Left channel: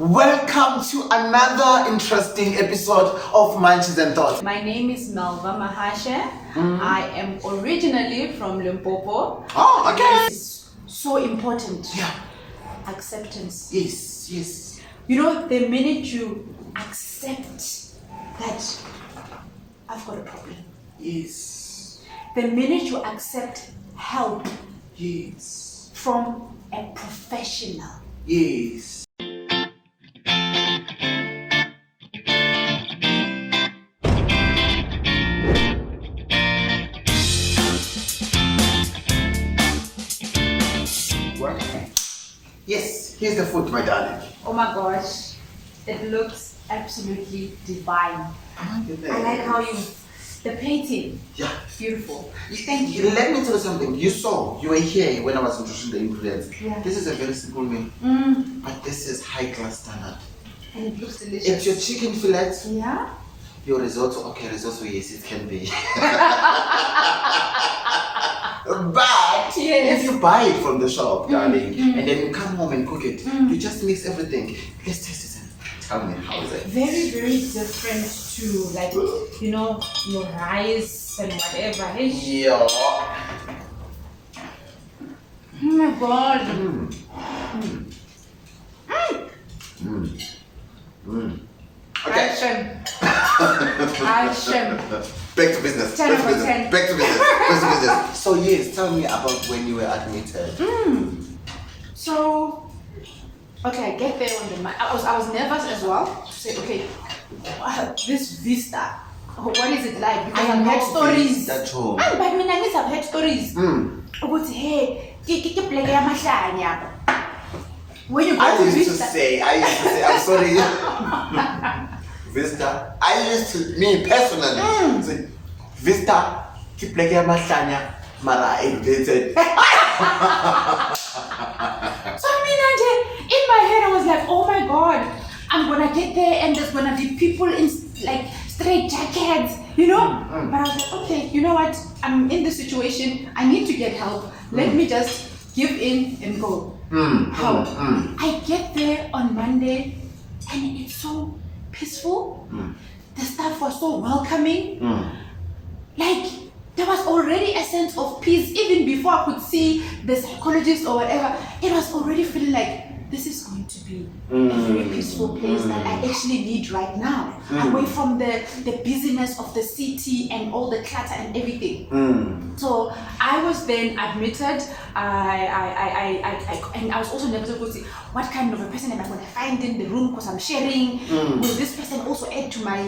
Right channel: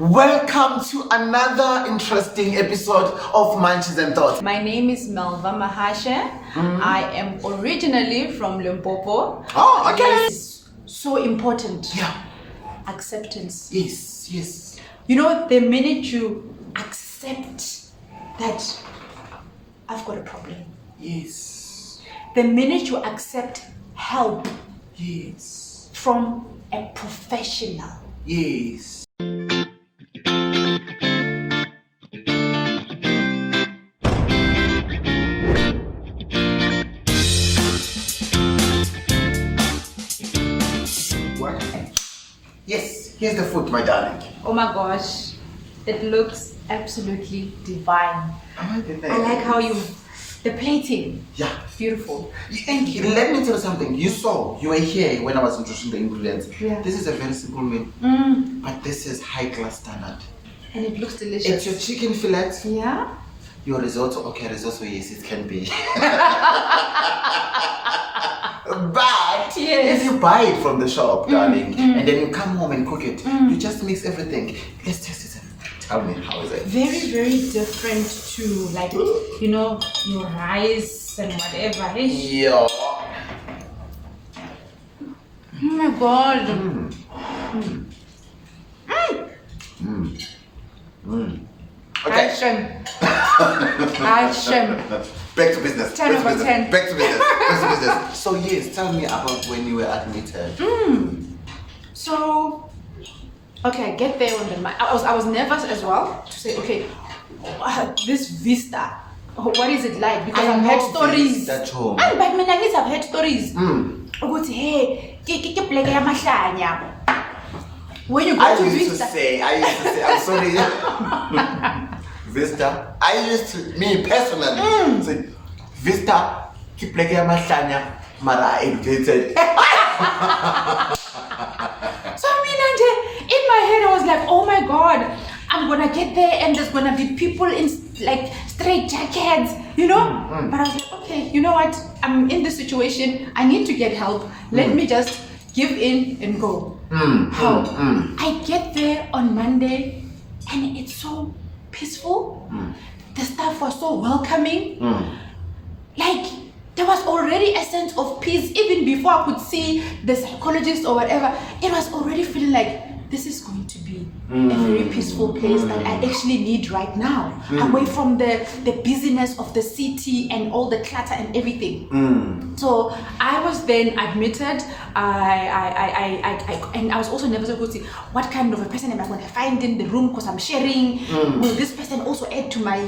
Welcome to another interesting episode of Munchies and Thoughts. My name is MELVA, MAHASHA. I am originally from Limpopo. Oh, okay. It's so important. Yeah. Acceptance. Yes. You know, the minute you accept that I've got a problem. Yes. The minute you accept help Yes. from a professional. Yes. What? Yes, here's the food, my darling. Oh my gosh, it looks absolutely divine. I like how the plating. Yeah. Beautiful. Thank you. Let me tell you something. You were here when I was introducing the ingredients. Yeah. This is a very simple meal, but this is high class standard. And it looks delicious. It's your chicken fillet. Yeah. Your risotto. Okay, risotto, yes, it can be. But Yes. if you buy it from the shop, darling, and then you come home and cook it, you just mix everything. Let's taste it. Tell me, how is it? Very, very different to your rice and whatever. Yeah. Oh my God. Okay. Action. Back to business. 10 over 10. Back to business. So yes, tell me about when you were admitted. So, okay, I get there on the I was nervous as well to say, okay, this vista, what is it like? Because I've heard stories. At home. But I've heard stories. About hey, when you go I to used to vista. say, I'm sorry. Vista. I used to, me personally, say, Vista, keep like a mahlanya, mara educated. So in my head I was like, oh my God, I'm gonna get there and there's gonna be people in like straight jackets, But I was like, okay, you know what? I'm in this situation. I need to get help. Let me just give in and go. Help. I get there on Monday and it's so peaceful. The staff was so welcoming. Like there was already a sense of peace even before I could see the psychologist or whatever. It was already feeling like this is going to be a very peaceful place that I actually need right now, away from the busyness of the city and all the clutter and everything. So I was then admitted. And I was also nervous about what kind of a person am I going to find in the room because I'm sharing. Will this person also add to my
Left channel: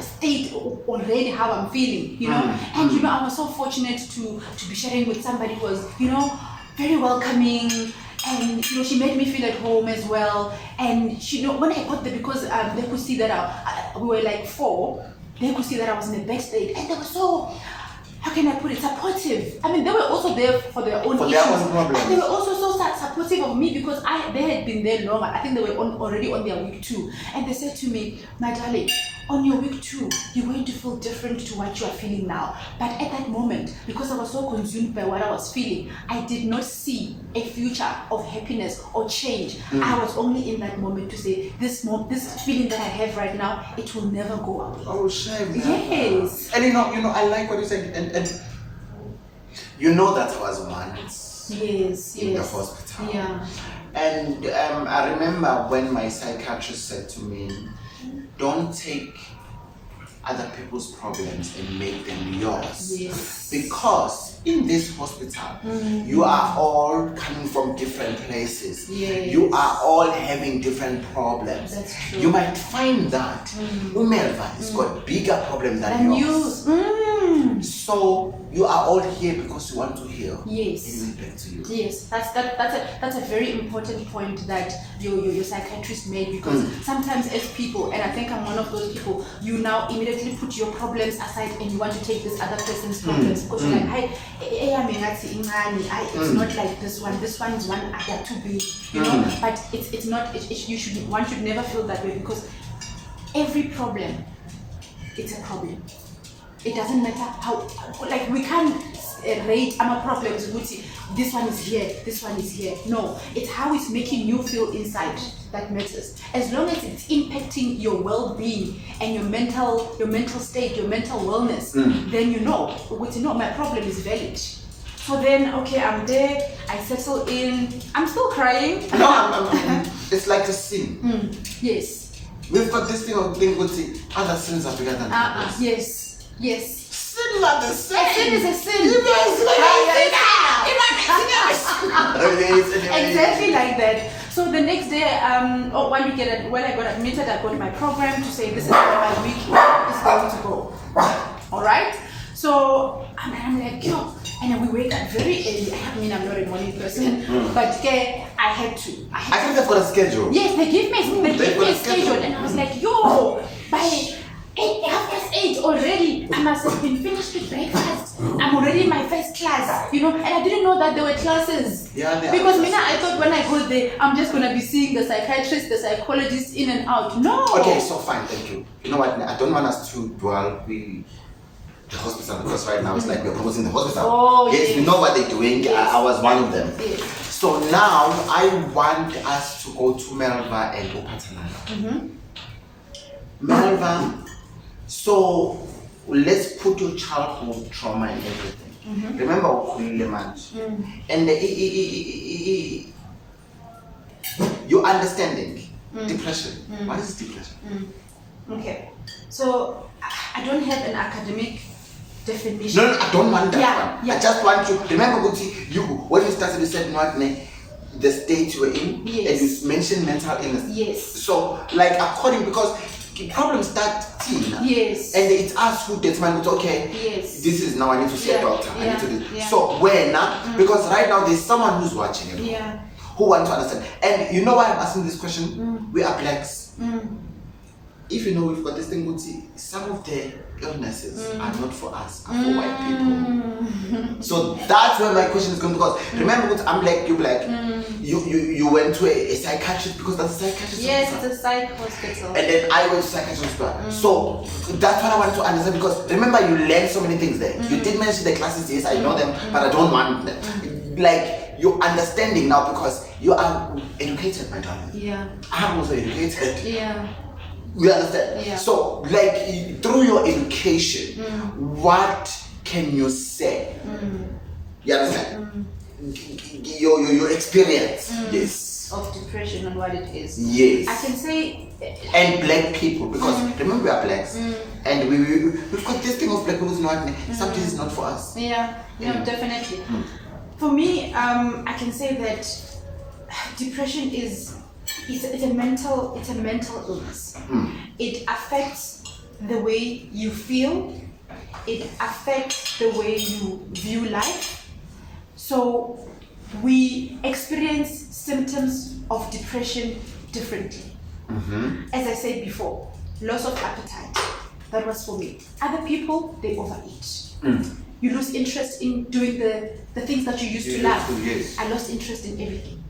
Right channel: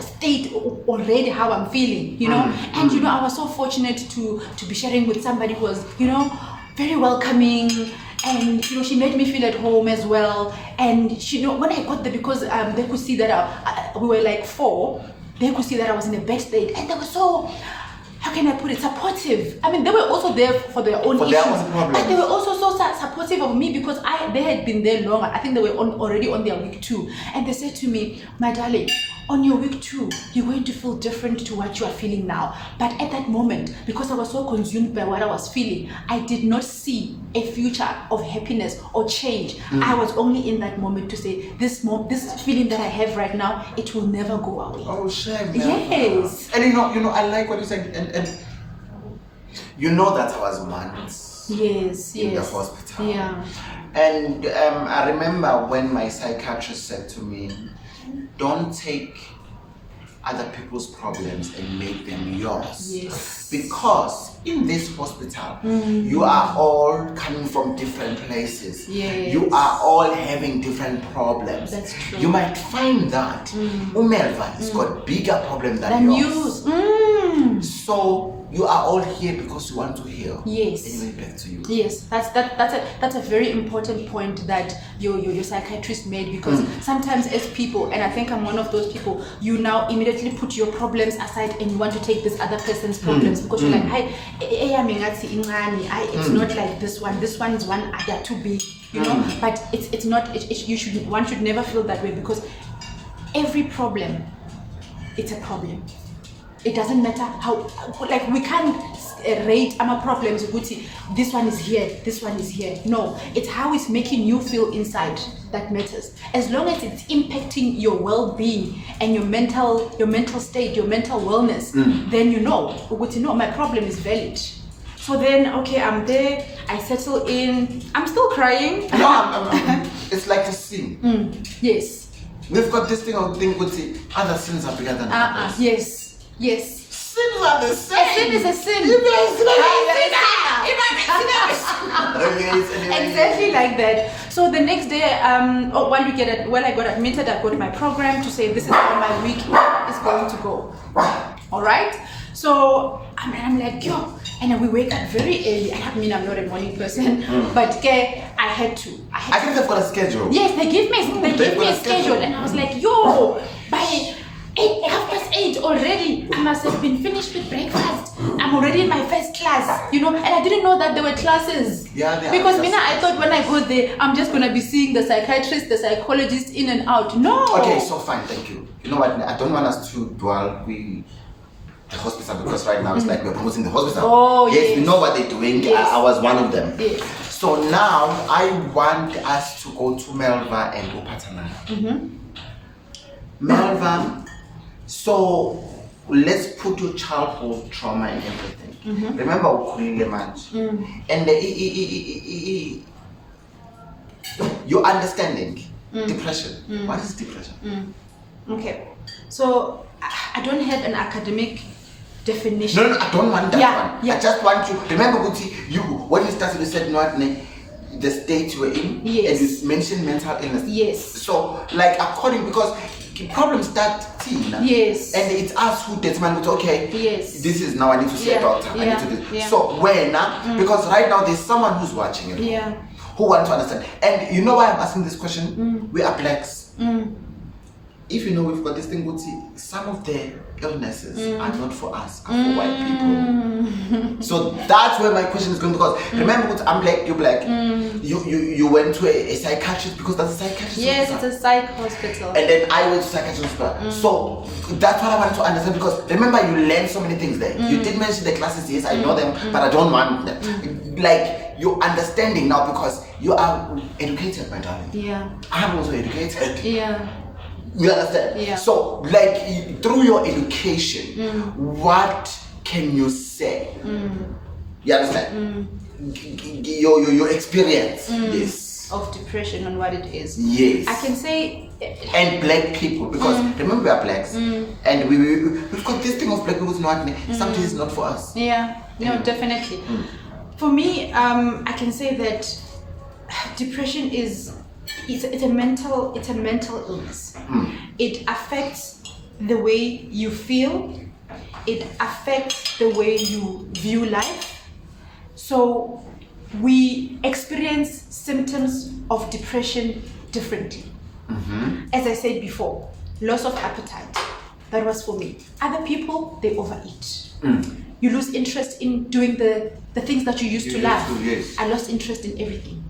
state already how I'm feeling? And I was so fortunate to be sharing with somebody who was very welcoming. And she made me feel at home as well. And when I got there, because they could see that we were like 4, they could see that I was in a bad state, and they were so, how can I put it, supportive. I mean, they were also there for their own issues, and they were also so supportive of me because they had been there long. I think they were already on their week 2, and they said to me, my darling, on your week 2, you're going to feel different to what you are feeling now. But at that moment, because I was so consumed by what I was feeling, I did not see a future of happiness or change. I was only in that moment to say, this feeling that I have right now, it will never go away. Oh, shame. Yes. And I like what you said, and that I was once in the hospital. Yeah. And I remember when my psychiatrist said to me, don't take other people's problems and make them yours. Yes. Because in this hospital, you are all coming from different places. Yes. You are all having different problems. That's true. You might find that MELVA has got bigger problems than yours. So you are all here because you want to heal. Yes. And back to you. Yes, that's a very important point that your psychiatrist made, because sometimes as people, and I think I'm one of those people, you now immediately put your problems aside and you want to take this other person's problems because you're like, hi, it's not like this one. This one's one other too big, But it's not. One should never feel that way, because every problem, it's a problem. It doesn't matter how, we can't rate our problems. This one is here, this one is here. No, it's how it's making you feel inside. that matters. As long as it's impacting your well-being and your mental state, your mental wellness, then you know, my problem is valid. So then, okay, I'm there, I settle in, I'm still crying. No, it's like a sin. Yes. We've got this thing of being good, other sins are bigger than others. Yes, yes. Sins are the same. A sin is a sin. Exactly like that. So the next day, while I got admitted, I got my program to say this is how my week is going to go. All right. So I'm like, yo, and then we wake up very early. I mean, I'm not a morning person, but I had to. I think they've got a schedule. Yes, they give me a schedule, and I was like, yo, by 8:30 already, I must have been finished with breakfast. I'm already in my first class, and I didn't know that there were classes. Yeah, because I thought when I go there, I'm just gonna be seeing the psychiatrist, the psychologist in and out. No. Okay, so fine, thank you. You know what? I don't want us to dwell the hospital, because right now it's like we're promoting the hospital. Oh, yes, we know what they're doing. Yes. I was one of them. Yes. So now I want us to go to MELVA and do Phathanani. MELVA. So let's put your childhood trauma and everything. Remember ukhulile manje. And your understanding depression. What is depression? Okay. So I don't have an academic definition. No, I don't want that one. Yeah. I just want you. Remember, when you started, you said not the state you were in, yes, and you mentioned mental illness. Yes. So, because problems start teen. Yes. And it's us who determine it. Okay. Yes. This is now I need to see a doctor. I need to do this. Yeah. So when because right now there's someone who's watching it. Yeah. Who want to understand. And you know why I'm asking this question? We are blacks. If you know we've got this thing, some of the illnesses are not for us, are for white people. So that's where my question is going, because remember, I'm black, you're black. You went to a psychiatrist because that's a psychiatrist. Yes, it's a psych hospital. And then I went to psychiatrist hospital. So that's what I wanted to understand, because remember, you learned so many things there. You did mention the classes, yes, I know them, but I don't want them. Like, you're understanding now because you are educated, my darling. Yeah. I'm also educated. Yeah. You understand? Yeah. So, like, through your education, what can you say? You understand? Your experience, yes, of depression and what it is. Yes. I can say. And black people, because remember we are blacks, and we've got this thing of black people sometimes it's not for us. Yeah. No, definitely. For me, I can say that depression is. It's a mental illness. It affects the way you feel. It affects the way you view life. So we experience symptoms of depression differently. As I said before, loss of appetite. That was for me. Other people, they overeat. You lose interest in doing the things that you used to love. Yes. I lost interest in everything.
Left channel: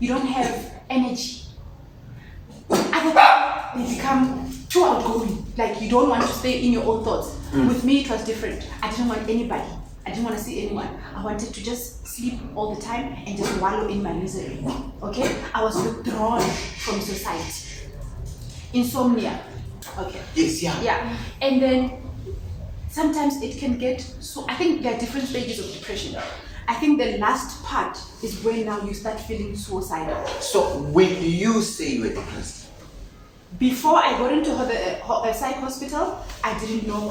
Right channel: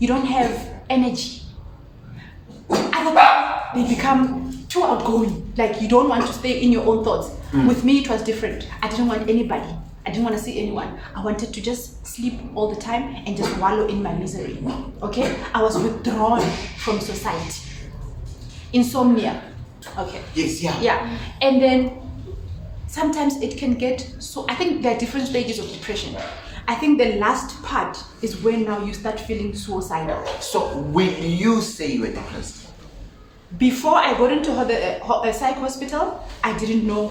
You don't have energy. Other people, they become too outgoing. Like, you don't want to stay in your own thoughts. With me, it was different. I didn't want anybody. I didn't want to see anyone. I wanted to just sleep all the time and just wallow in my misery. Okay? I was withdrawn from society. Insomnia. Okay. Yes, yeah. Yeah. And then sometimes it can get so. I think there are different stages of depression. I think the last part is when now you start feeling suicidal. So when you say you were depressed? Before I got into the psych hospital, I didn't know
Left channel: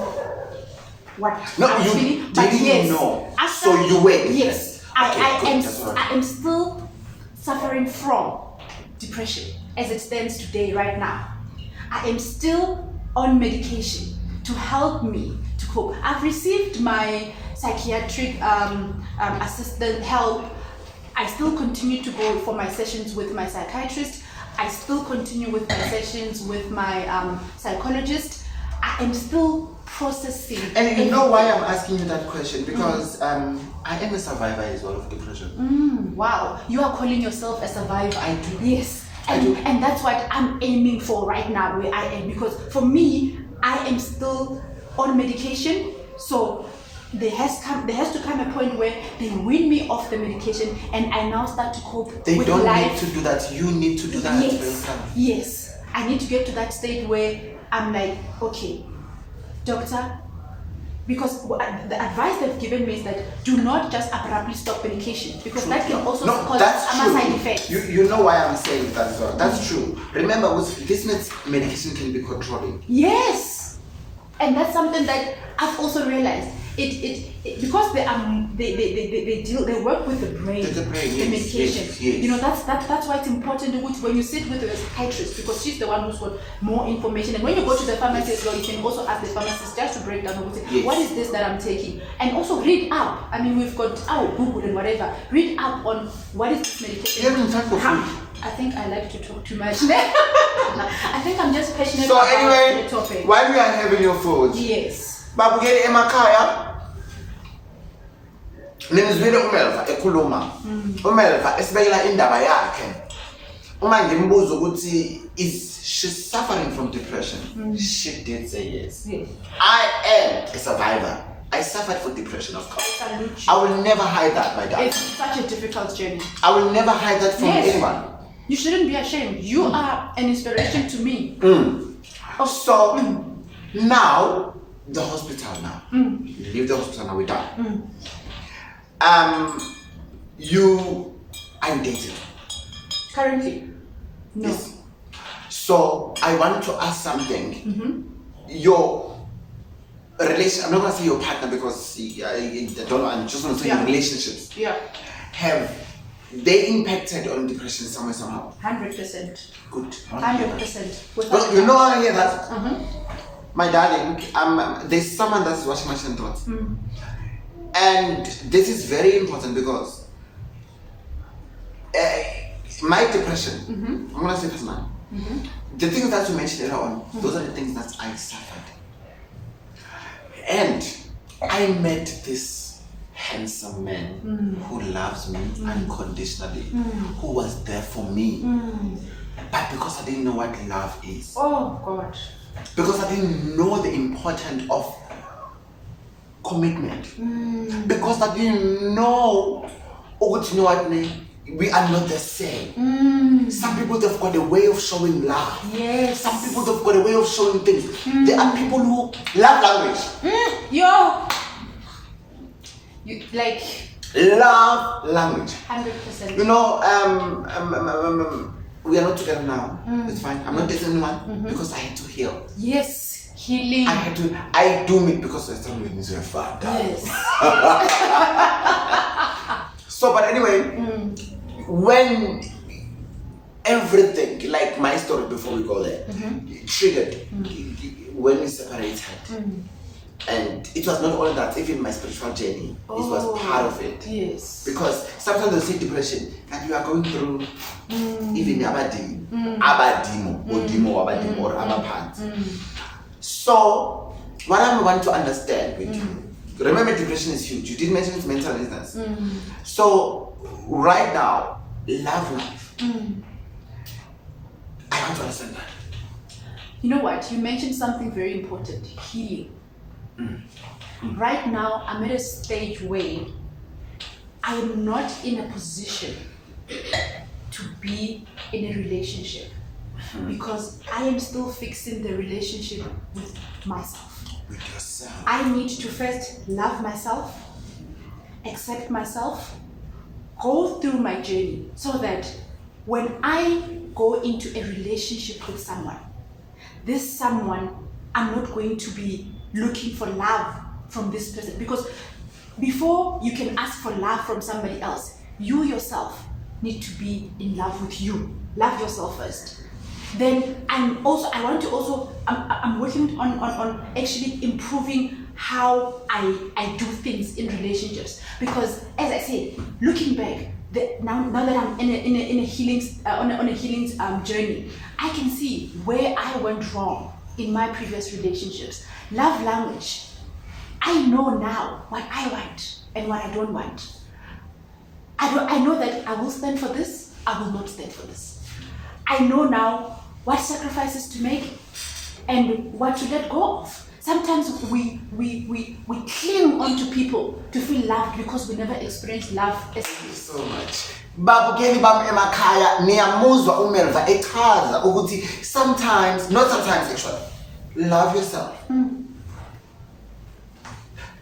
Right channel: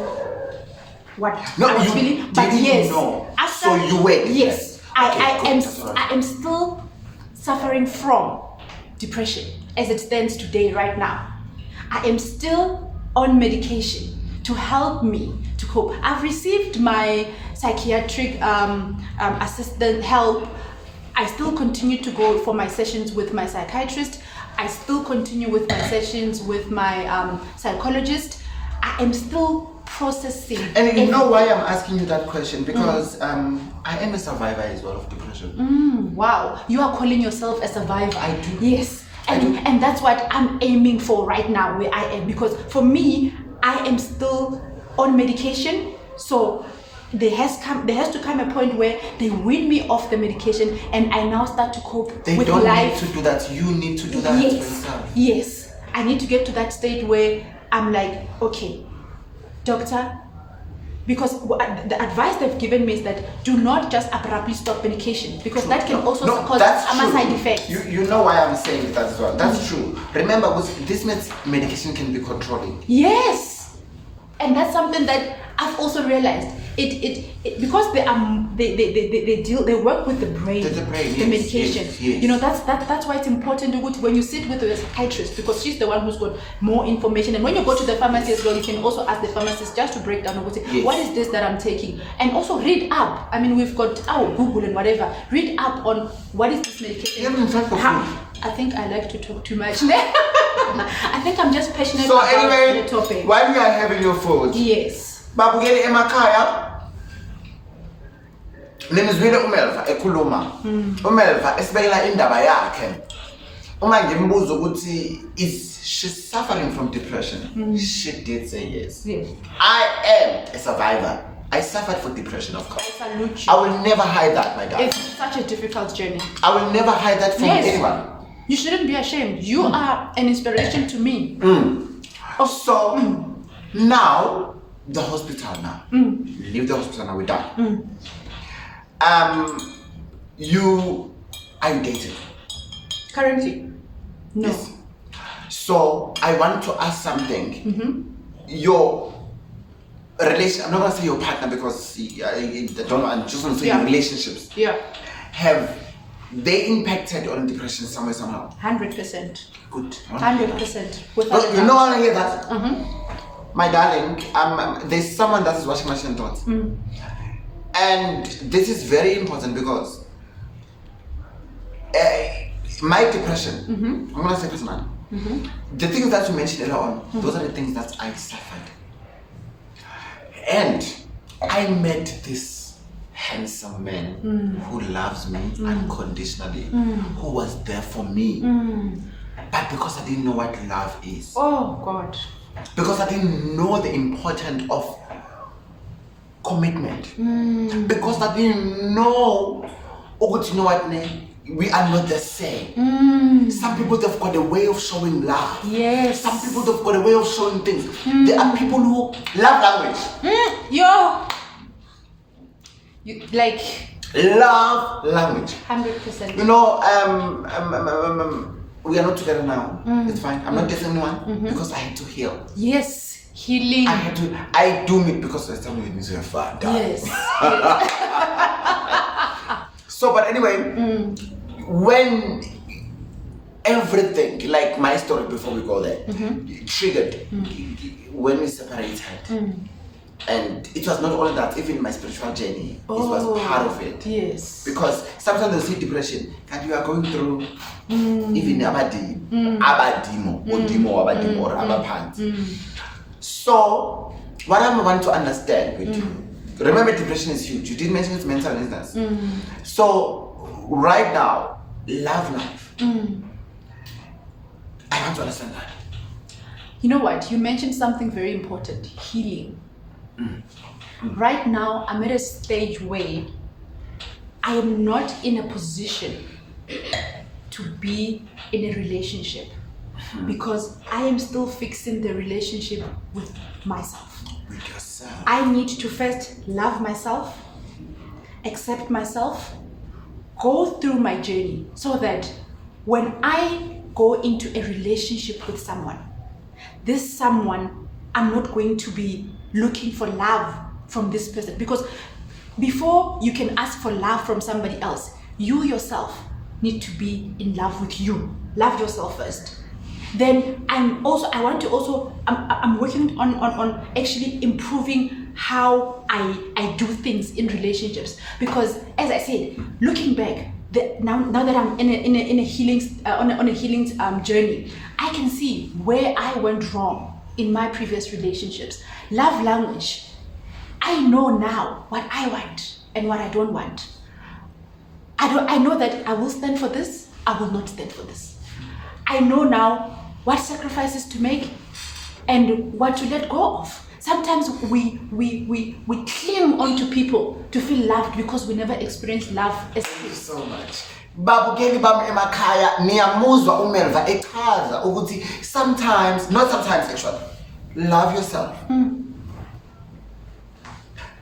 what I was feeling. But yes, know. After, So you were depressed. Yes, Okay, I am still suffering from depression as it stands today, right now. I am still on medication to help me to cope. I've received my psychiatric assistant help. I still continue to go for my sessions with my psychiatrist. I still continue with my sessions with my psychologist. I am still processing. And you know why I'm asking you that question? Because I am a survivor as well of depression. Wow, you are calling yourself a survivor. I do. Yes. And that's what I'm aiming for right now, where I am. Because for me, I am still on medication. So there has to come a point where they wean me off the medication, and I now start to cope They with don't life. need to do that. You need to do that. Yes. I need to get to that state where I'm like, okay, doctor, because the advice they've given me is that do not just abruptly stop medication, because that can also cause some side effects. You know why I'm saying that as well. That's true. Remember, this medication can be controlling. Yes, and that's something that I've also realized. It because they work with the brain, the medication. Yes. You know, that's why it's important when you sit with a psychiatrist, because she's the one who's got more information. And when you go to the pharmacy as well, you can also ask the pharmacist just to break down what is this that I'm taking, and also read up. I mean, we've got Google and whatever. Read up on what is this medication. I think I like to talk too much. I think I'm just passionate about the topic. While we are having your food, yes. Babugeli emakhaya nimzwile uMelva ekhuluma. uMelva esibekela indaba yakhe. Uma ngimbuza ukuthi is she suffering from depression? She did say yes. I am a survivor. I suffered from depression, of course. I will never hide that, my God. It's such a difficult journey. I will never hide that from anyone. You shouldn't be ashamed. You are an inspiration to me. So now the hospital now. Leave the hospital now, we're done. Are you dating? Currently? No. Yes. So I want to ask something. Your relation, I'm not gonna say your partner because I just want to say your relationships. Yeah. Have they impacted on depression somehow? 100%. Good. 100%. Well, you know how I hear that? My darling, there's someone that is watching my thoughts. And this is very important because my depression, I'm going to say personally, the things that you mentioned earlier on, those are the things that I suffered. And I met this handsome man who loves me unconditionally, who was there for me. But because I didn't know what love is. Oh, God. Because I didn't know the importance of commitment. Because I didn't know, you know what, we are not the same. Some people, they've got a way of showing love. Yes. Some people, they've got a way of showing things. There are people who love language. You like love language. 100%. You know, we are not together now. It's fine. I'm not dating anyone because I had to heal. Yes, healing. I do it because I started with Mr. Father. Yes. So, but anyway, when everything, like my story before we go there, triggered when we separated. And it was not all that, even my spiritual journey, it was part of it. Yes. Because sometimes they say depression, and you are going through even abadimo, or abapants. So, what I want to understand with you, remember depression is huge. You did mention it's mental illness. So, right now, love life. I want to understand that. You know what? You mentioned something very important, healing. Right now, I'm at a stage where I am not in a position to be in a relationship because I am still fixing the relationship with myself. With yourself. I need to first love myself, accept myself, go through my journey so that when I go into a relationship with someone, this someone, I'm not going to be looking for love from this person, because before you can ask for love from somebody else, you yourself need to be in love with you. Love yourself first. Then I'm working on actually improving how I do things in relationships, because as I said, looking back, now that I'm in a healing journey, I can see where I went wrong in my previous relationships. Love language. I know now what I want and what I don't want. I know that I will stand for this, I will not stand for this. I know now what sacrifices to make and what to let go of. sometimes we cling on to people to feel loved because we never experienced love as Thank you so much. Babukeli bami emakhaya niyamuzwa uMelva echaza ukuthi sometimes, not sometimes actually, love yourself.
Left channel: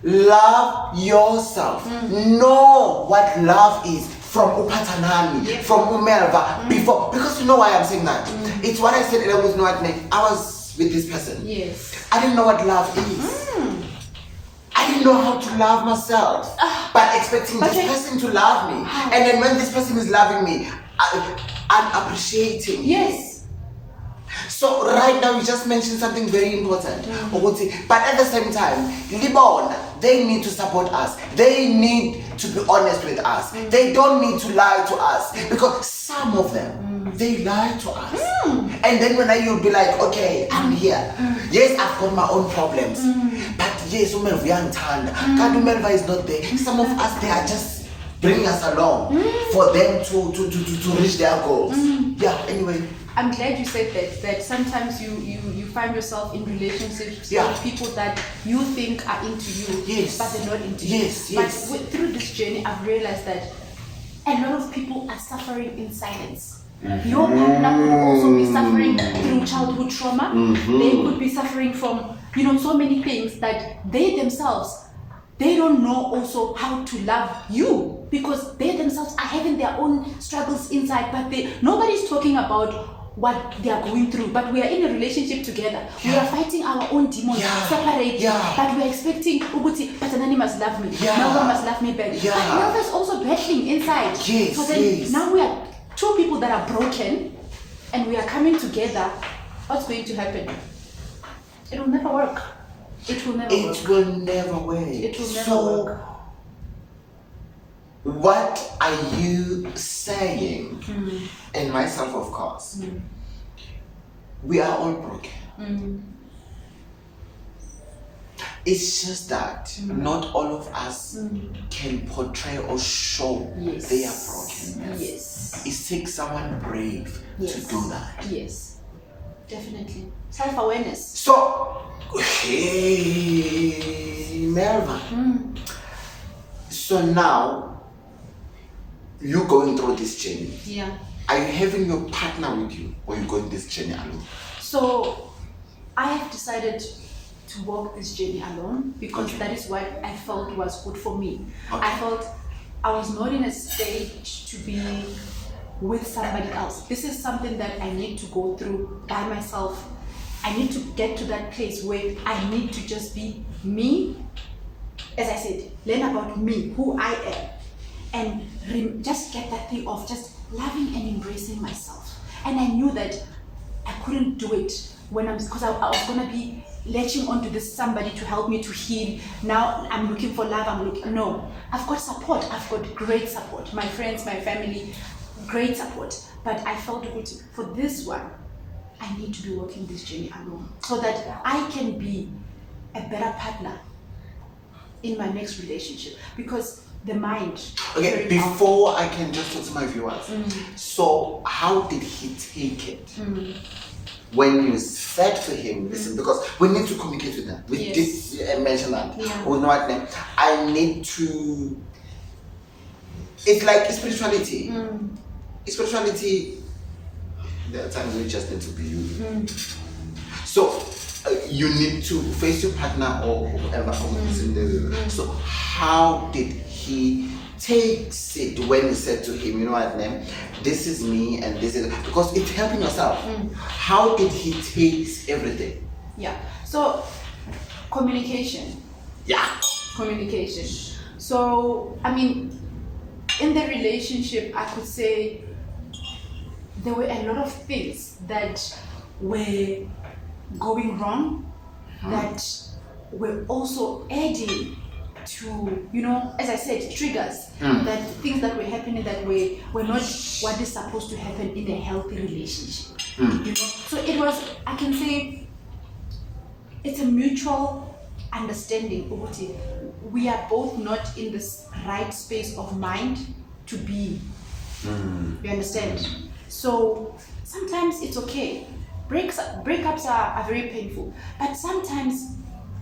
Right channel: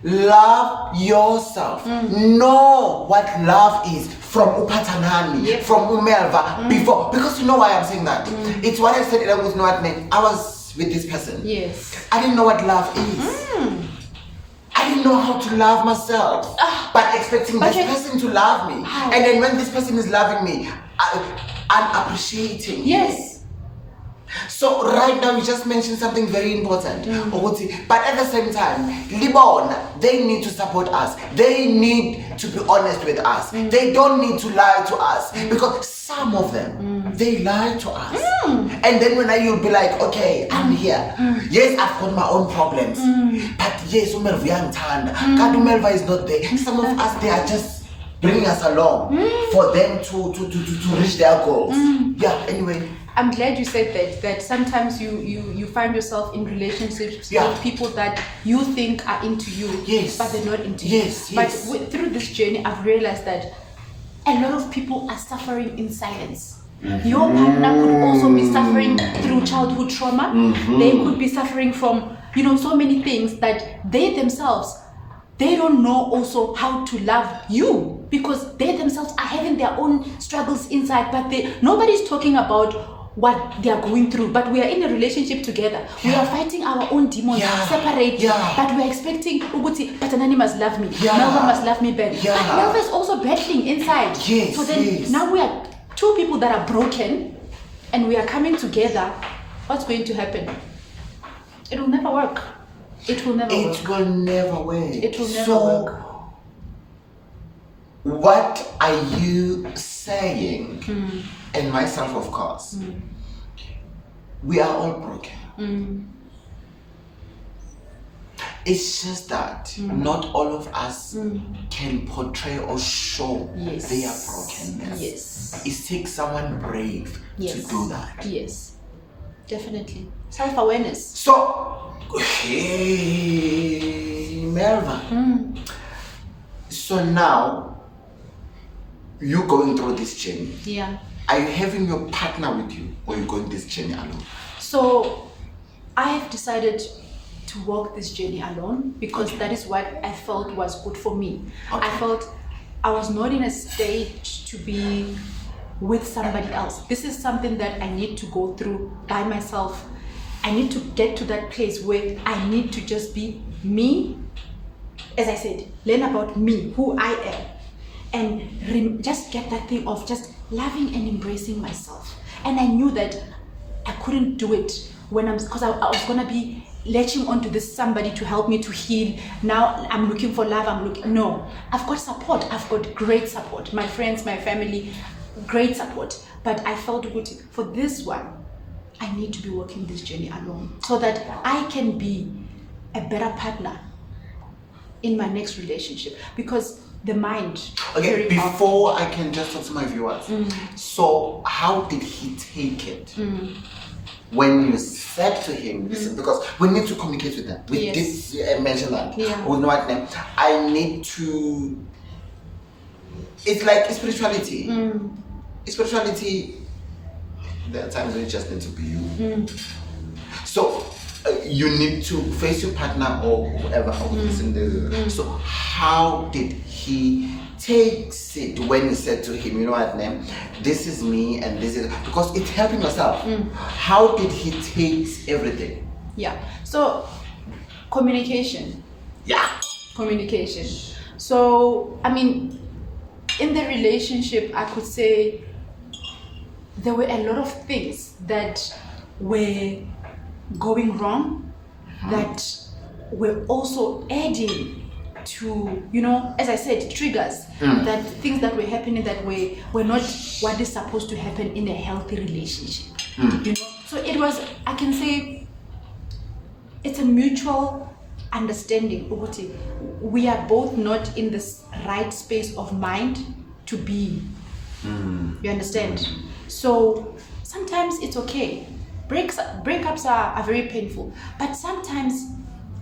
Love yourself. Know what love is from Phathanani, from uMelva before. Because you know why I'm saying that? It's what I said earlier with no admit. I was with this person. Yes. I didn't know what love is. I didn't know how to love myself. But expecting this person to love me. And then when this person is loving me, I'm appreciating. Yes. So right now you just mentioned something very important. But at the same time, Libon, they need to support us. They need to be honest with us. They don't need to lie to us. Because some of them, they lie to us. And then when you'll be like, okay, I'm here. Yes, I've got my own problems. But yes, Umelva is not there. Some of us, they are just bringing us along for them to reach their goals. Yeah, anyway. I'm glad you said that sometimes you find yourself in relationships with people that you think are into you, but they're not into you. But through this journey, I've realized that a lot of people are suffering in silence. Your partner could also be suffering through childhood trauma. They could be suffering from, so many things that they themselves, they don't know also how to love you because they themselves are having their own struggles inside, but nobody's talking about what they are going through. But we are in a relationship together. We are fighting our own demons separate. But we are expecting Uguti, Phathanani must love me. Melva must love me back. But Melva is also battling inside. So then now we are two people that are broken and we are coming together. What's going to happen? It will never work. It will never work. It will never work. It will never work. What are you saying? And myself, of course. We are all broken. It's just that not all of us can portray or show their brokenness. It takes someone brave to do that. Yes, definitely. Self-awareness. So, hey, Melva. So now, you going through this journey. Yeah. Are you having your partner with you or you going this journey alone? So I have decided to walk this journey alone because that is what I felt was good for me. I felt I was not in a state to be with somebody else. This is something that I need to go through by myself. I need to get to that place where I need to just be me. As I said, learn about me, who I am. And just get that thing of just loving and embracing myself. And I knew that I couldn't do it because I was gonna be latching onto this somebody to help me to heal. Now I'm looking for love. No, I've got support. I've got great support. My friends, my family, great support. But I felt good for this one. I need to be walking this journey alone so that I can be a better partner in my next relationship because the mind. Okay, before I can just talk to my viewers. So how did he take it when you said to him, listen, because we need to communicate with them. We did mention that. We know what name. I need to. It's like spirituality. Spirituality. There are times when you just need to be you. So you need to face your partner or whoever. So how did he take it when you said to him, you know what, name? This is me and this is because it's helping yourself. How did he take everything? Yeah. So communication. Yeah. Communication. So I mean, in the relationship, I could say there were a lot of things that were going wrong that were also adding to, as I said, triggers, that things that were happening that were not what is supposed to happen in a healthy relationship. So it was, I can say, it's a mutual understanding. We are both not in this right space of mind to be. You understand? So sometimes it's okay. Breakups are very painful, but sometimes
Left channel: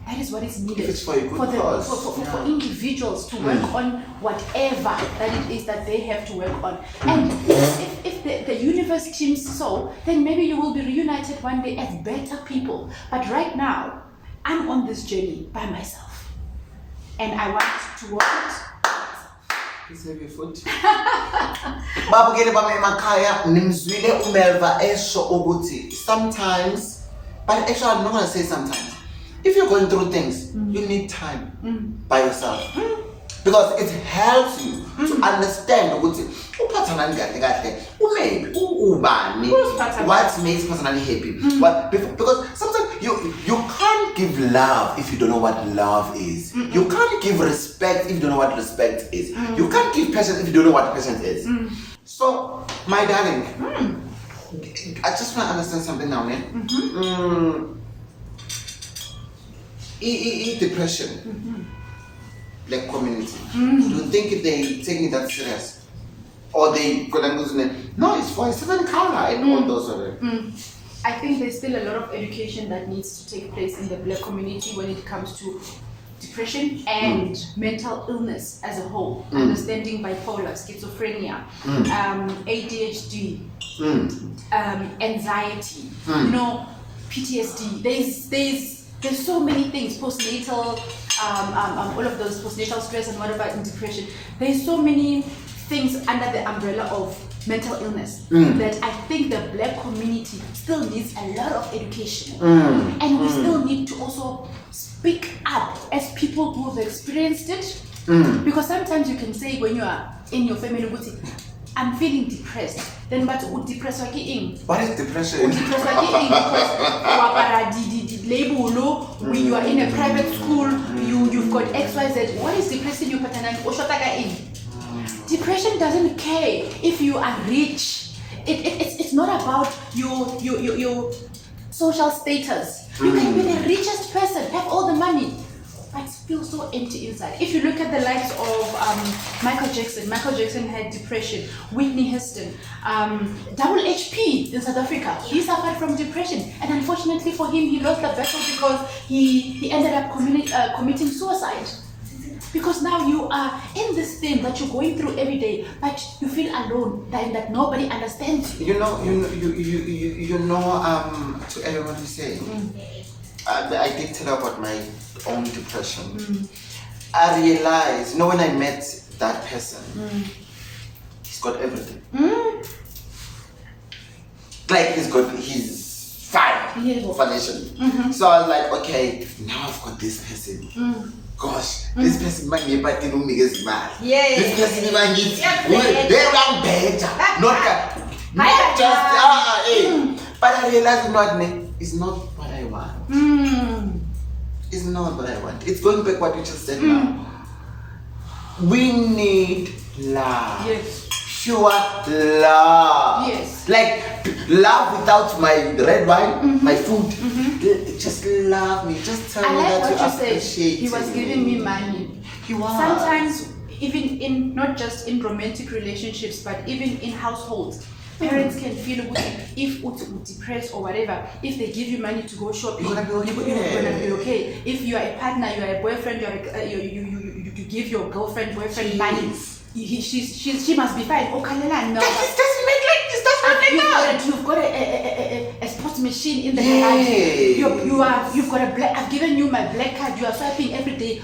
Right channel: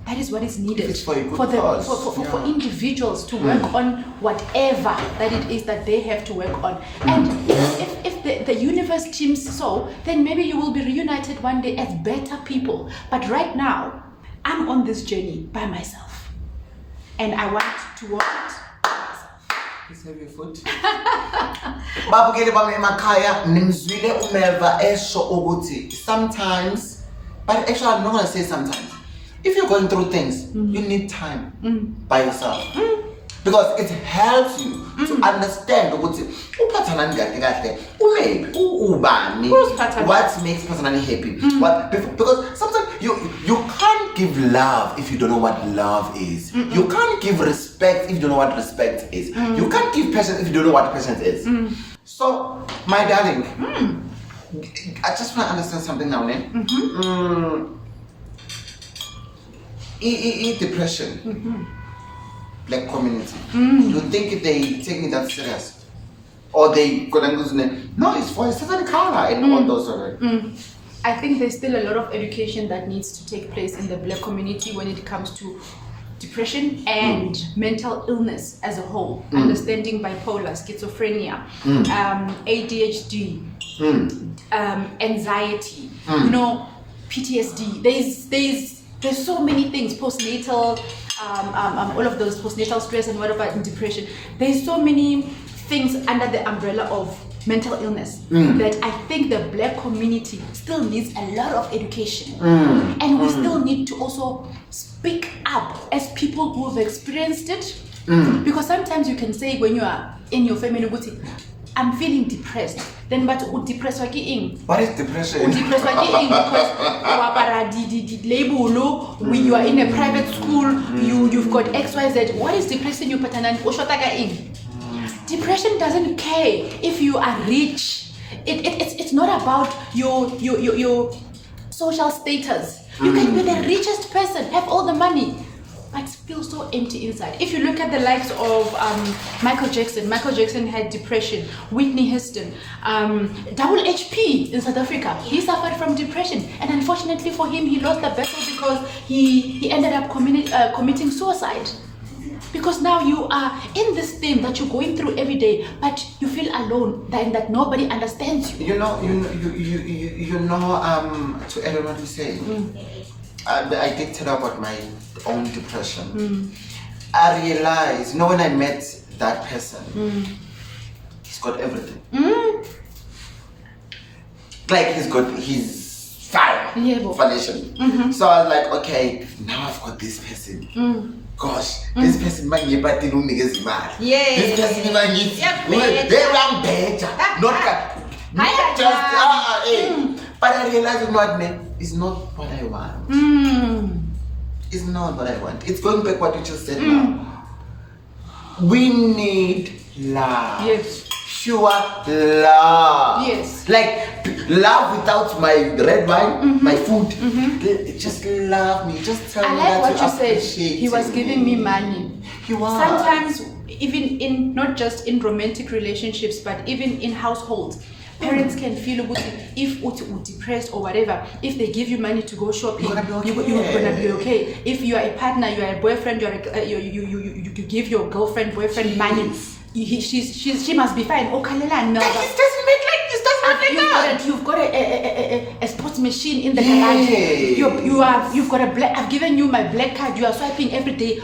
that is what is needed It's for a good cause. For individuals to work on whatever that it is that they have to work on. And if the universe teams so, then maybe you will be reunited one day as better people. But right now, I'm on this journey by myself, and I want to walk it. Please have your foot. Babukele bami emakhaya nimzwile uMelva esho ukuthi sometimes, but actually I'm not going to say sometimes. If you're going through things, you need time by yourself. Because it helps you to understand ukuthi uPhathanani kahle umaybe ubani, what makes Phathanani happy. Because sometimes you can't give love if you don't know what love is. You can't give respect if you don't know what respect is. You can't give patience if you don't know what patience is. So, my darling, I just want to understand something now. Depression. Black community. You think they taking that serious? Or they gonna lose it? No, it's for a certain color and all those I think there's still a lot of education that needs to take place in the Black community when it comes to depression and mental illness as a whole. Understanding bipolar, schizophrenia, ADHD, anxiety, PTSD. There's so many things, postnatal, all of those postnatal stress and whatever in depression. There's so many things under the umbrella of mental illness that I think the Black community still needs a lot of education. And we still need to also speak up as people who have experienced it. Because sometimes you can say when you are in your family, I'm feeling depressed. Then but depressed what is depression? Depressed because when you are in a private school, you've got XYZ. What is depressing you, Phathanani? Depression doesn't care if you are rich. It's not about your social status. You can be the richest person, have all the money, but feel so empty inside. If you look at the likes of Michael Jackson had depression. Whitney Houston, Double HP in South Africa, he suffered from depression, and unfortunately for him, he lost the battle because he ended up committing suicide. Because now you are in this thing that you're going through every day, but you feel alone, that nobody understands you. To everyone who say, I did tell about my own depression. I realized, when I met that person, he's got everything. Like he's got his foundation. So I was like, okay, now I've got this person. Gosh, this person might be better than me. This person might be better. Not just but I realized it's not what I want. It's not what I want. It's going back what you just said now. We need love. Yes. Pure love. Yes. Like love without my red wine, my food. Just love me. Just tell me that you appreciate He was giving me money. He was. Sometimes, even in not just in romantic relationships, but even in households, parents can feel if you're depressed or whatever, if they give you money to go shopping, you're gonna be okay. If you are a partner, you are a boyfriend, you give your girlfriend, boyfriend money, she must be fine. Oh, Kalela, no. This doesn't make like this. Does not make that. You've got a sports machine in the garage. You've got a black. I've given you my black card. You are swiping every day.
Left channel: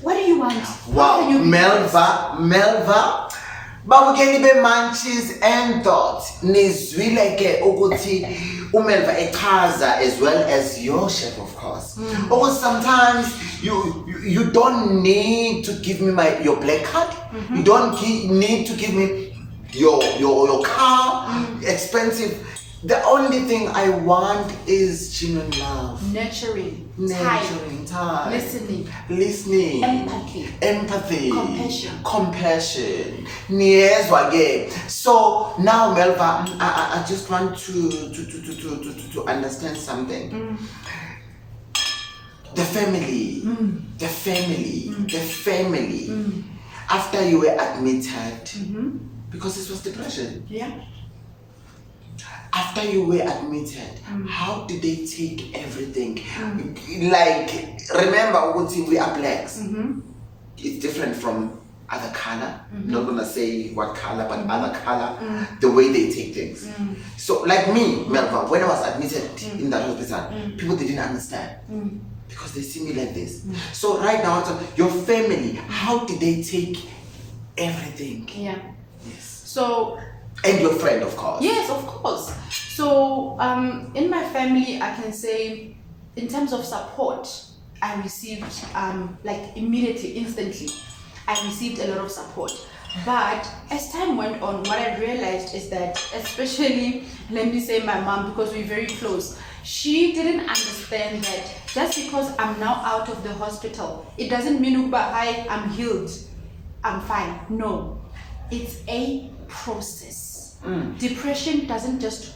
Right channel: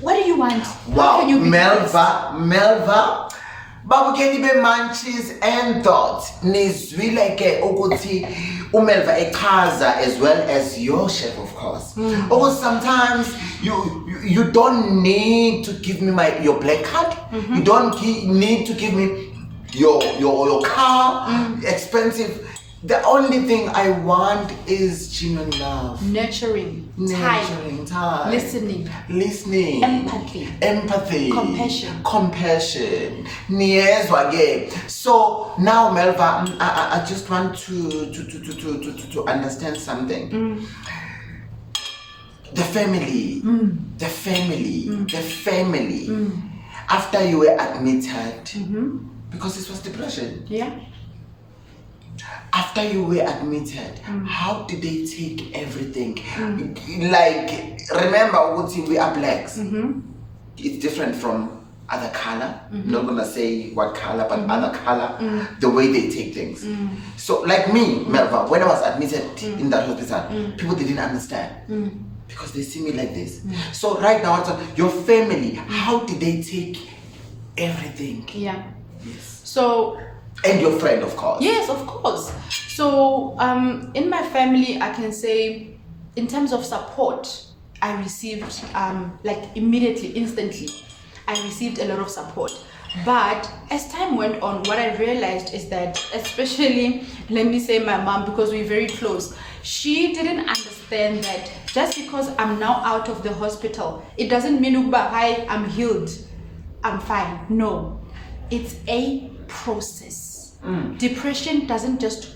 What do you want? Wow, Melva. Babukeli be Munchies and thoughts. Nizwileke ukuthi uMelva echaza as well as your chef, of course. Or sometimes you don't need to give me your black card. You don't need to give me your car, expensive. The only thing I want is genuine love. Nurturing time. Listening. Empathy. Compassion. So now, Melva, I just want to understand something. The family. After you were admitted, because this was depression. Yeah. after you were admitted, how did they take everything? Like, remember, we are blacks. It's different from other color. Not gonna say what color, but other color. The way they take things. So, like me, Melva, when I was admitted in that hospital, people didn't understand because they see me like this. So right now, your family, how did they take everything? Yeah. Yes. So. And your friend, of course. Yes, of course. So in my family, I can say, in terms of support, I received like immediately, instantly, I received a lot of support. But as time went on, what I realized is that, especially, let me say my mom, because we're very close, she didn't understand that just because I'm now out of the hospital, it doesn't mean hi, I'm healed, I'm fine. No, it's a process. Depression doesn't just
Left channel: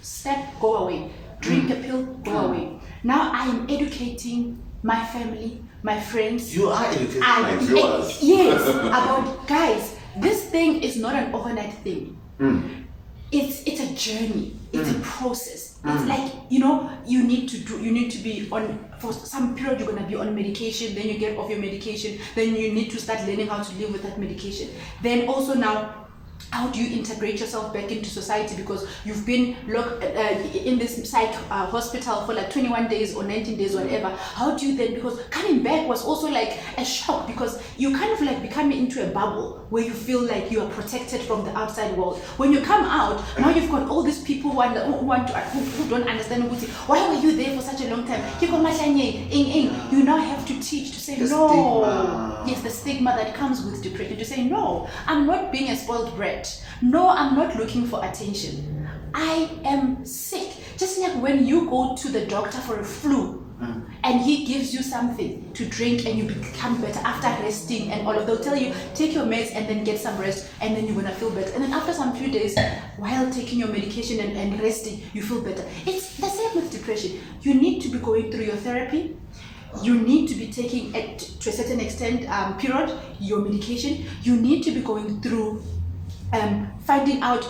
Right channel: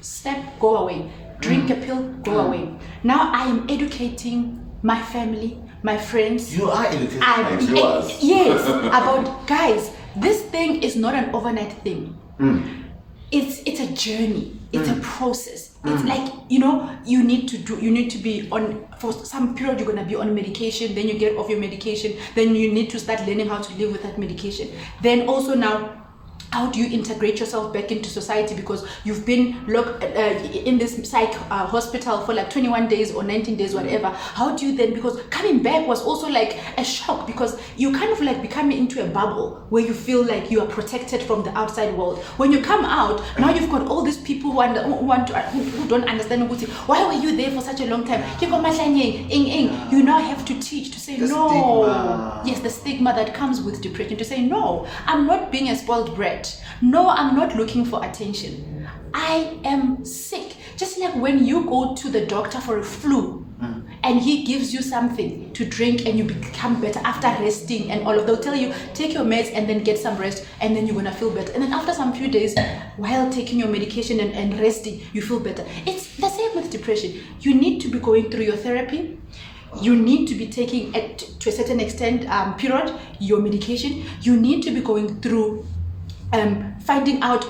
snap, go away. Drink a pill, go away. Now I am educating my family, my friends. You are educating yours. Yes, about guys, this thing is not an overnight thing. It's a journey. It's a process. It's like, you need to be on, for some period you're going to be on medication, then you get off your medication, then you need to start learning how to live with that medication. Then also now, how do you integrate yourself back into society, because you've been locked in this psych hospital for like 21 days or 19 days, whatever. How do you then, because coming back was also like a shock, because you kind of like becoming into a bubble where you feel like you are protected from the outside world. When you come out, now you've got all these people who don't understand why were you there for such a long time. You now have to teach, to say no. Stigma. Yes, the stigma that comes with depression, to say no, I'm not being a spoiled brat. No, I'm not looking for attention. I am sick. Just like when you go to the doctor for a flu and he gives you something to drink and you become better after resting and all of, they'll tell you, take your meds and then get some rest and then you're gonna feel better. And then after some few days, while taking your medication and resting, you feel better. It's the same with depression. You need to be going through your therapy. You need to be taking, to a certain extent, period, your medication. You need to be going through finding out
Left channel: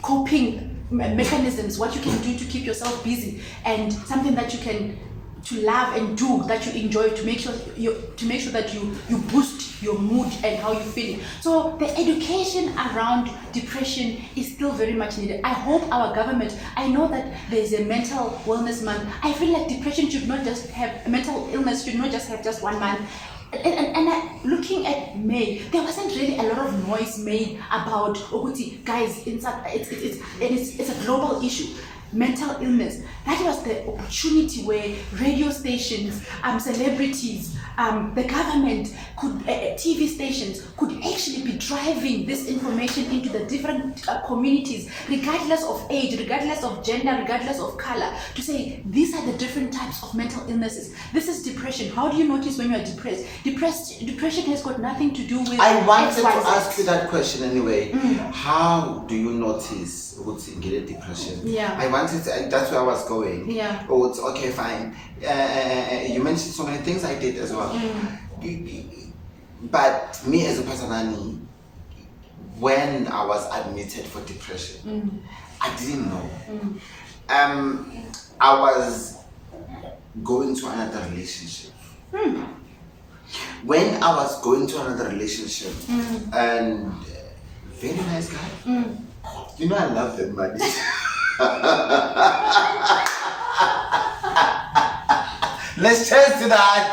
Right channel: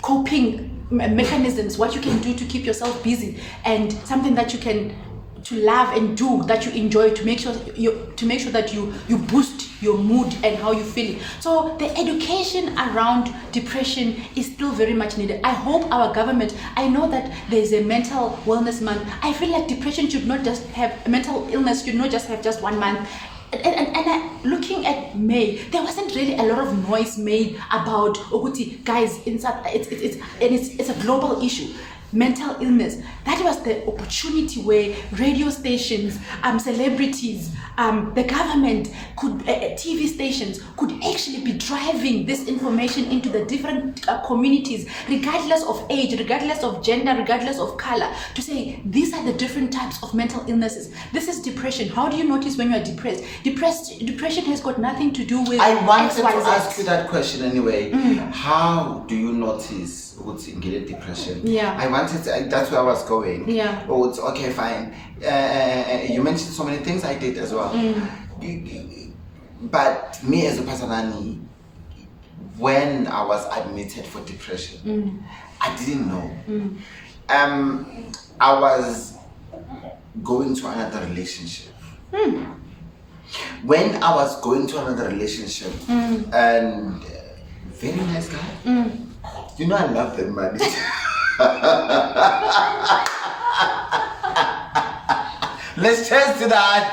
coping mechanisms, what you can do to keep yourself busy, and something that you can to love and do that you enjoy, to make sure that you boost your mood and how you feel. So the education around depression is still very much needed. I hope our government, I know that there is a mental wellness month. I feel like depression should not just have, mental illness should not just have just 1 month. And looking at May, there wasn't really a lot of noise made about guys inside. It's a global issue. Mental illness. That was the opportunity where radio stations, celebrities, the government could, TV stations could actually be driving this information into the different communities, regardless of age, regardless of gender, regardless of color, to say these are the different types of mental illnesses. This is depression. How do you notice when you are depressed? Depression has got nothing to do with I wanted to XYZ. ask you that question anyway. How do you notice what's in depression? Yeah. I wanted to, that's where I was going. Yeah. Oh, it's okay, fine. You mentioned so many things I did as well. But me as a Phathanani, when I was admitted for depression, I didn't know. I was going to another relationship. When I was going to another relationship, and very nice guy. You know I love them, man. Let's cheers to that.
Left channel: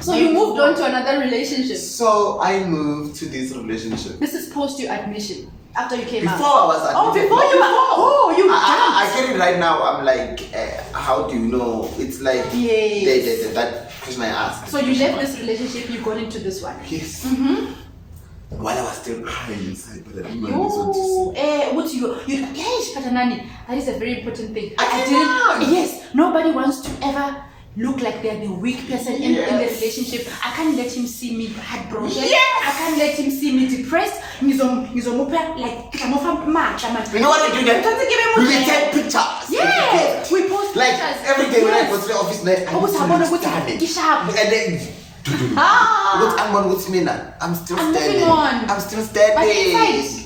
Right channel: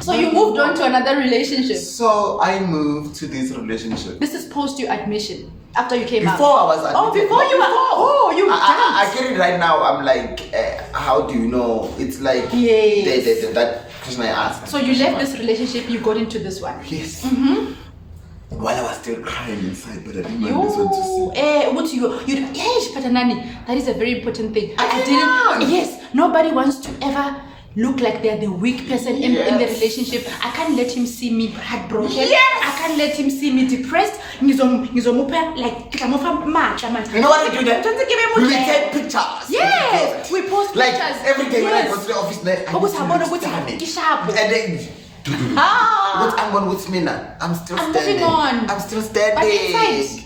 So you moved on to another relationship. So I moved to this relationship. This is post your admission, after you came Before out. I was admitted. Before you were. Oh, you I get it right now. I'm like, how do you know? It's like that question I asked. So you left this relationship, you got into this one. Yes. While I was still crying inside, but I didn't want this one to see. Yes, Phathanani, that is a very important thing. I didn't. Yes, nobody wants to ever look like they're the weak person in the relationship. I can't let him see me heartbroken. Yes. I can't let him see me depressed. Like, you know what we do then? We take pictures. Yes, we post like pictures. every day when I Yes. go to the office, like I need to look stunning. And then What I'm on with me now? I'm still standing. Moving on. I'm still standing. But inside.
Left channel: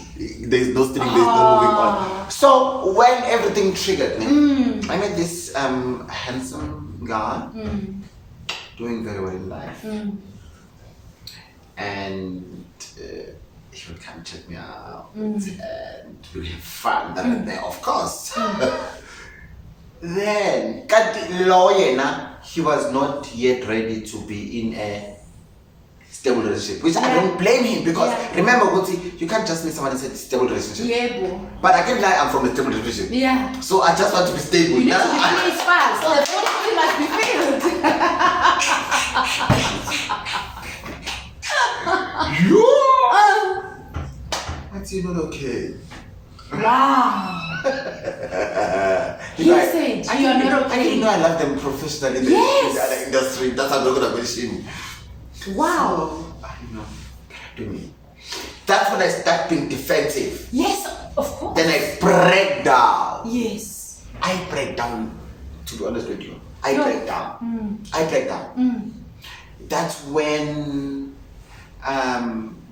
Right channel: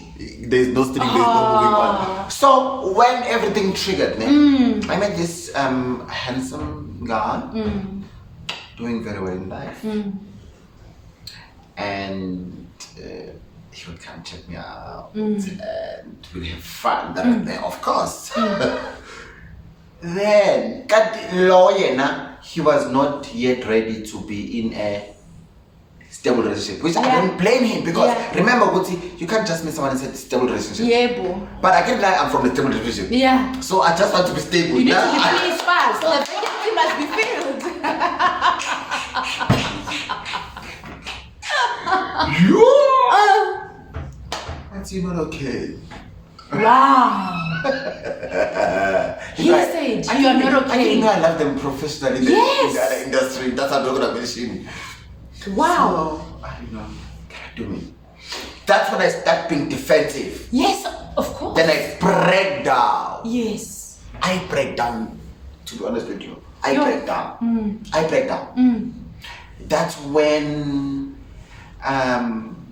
There's no stream, there's no moving on. So when everything triggered me, I met this handsome guy doing very well in life. And he would come check me out and we'd have fun there and there, of course. Then, he was not yet ready to be in a stable relationship, which I don't blame him because remember, Guti, you can't just meet someone and say stable relationship. Yeah, bro. But I can't lie, I'm from a stable relationship. Yeah. So I just want to be stable. You need to be pleased fast, so the body must be filled. What's you not okay? Wow. He said you are not okay. I didn't know I love them professionally in the other industry. That's how I'm not gonna mention. Wow. So, I don't know. Do me. That's when I start being defensive. Yes, of course. Then I break down. Yes. I break down, to be honest with you. I break down. I break down. That's when I'm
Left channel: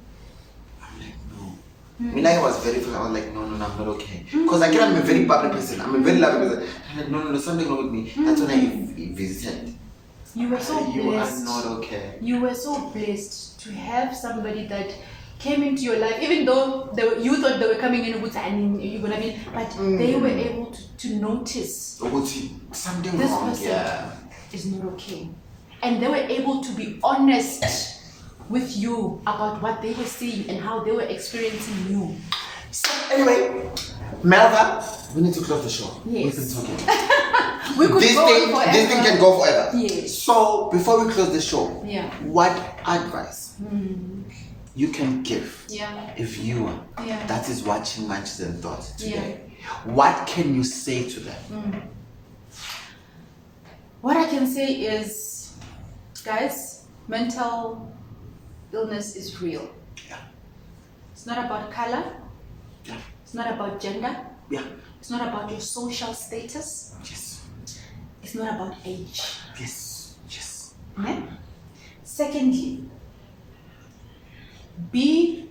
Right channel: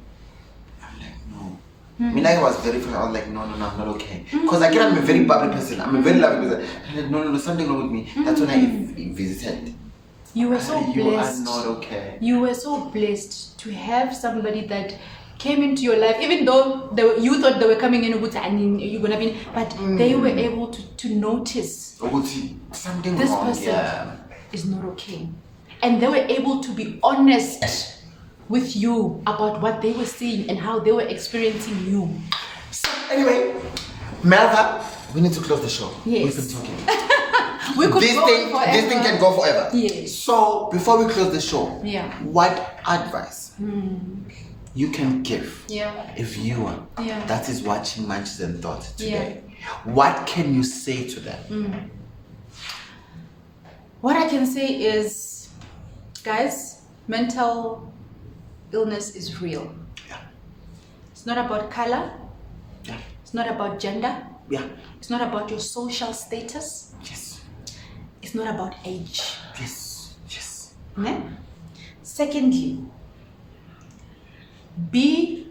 like, no. I was very first, I was like, no, I'm not okay. Because again, I'm a very bubbly person. I'm a very loving person. I'm like, no, something wrong with me. That's when I visited. You were so blessed. You are not okay. You were so blessed to have somebody that came into your life, even though you thought they were coming in with you're gonna be, but they were able to notice something this wrong. person is not okay, and they were able to be honest with you about what they were seeing and how they were experiencing you. So anyway, Melva, we need to close the show. Yes. We've been talking. We could this go thing forever. This thing can go forever. Yes. So before we close the show, what advice you can give a viewer that is watching Munchies and Thoughts today? What can you say to them? What I can say is, guys, mental illness is real. It's not about color. It's not about gender. It's not about your social status. It's not about age. Secondly, be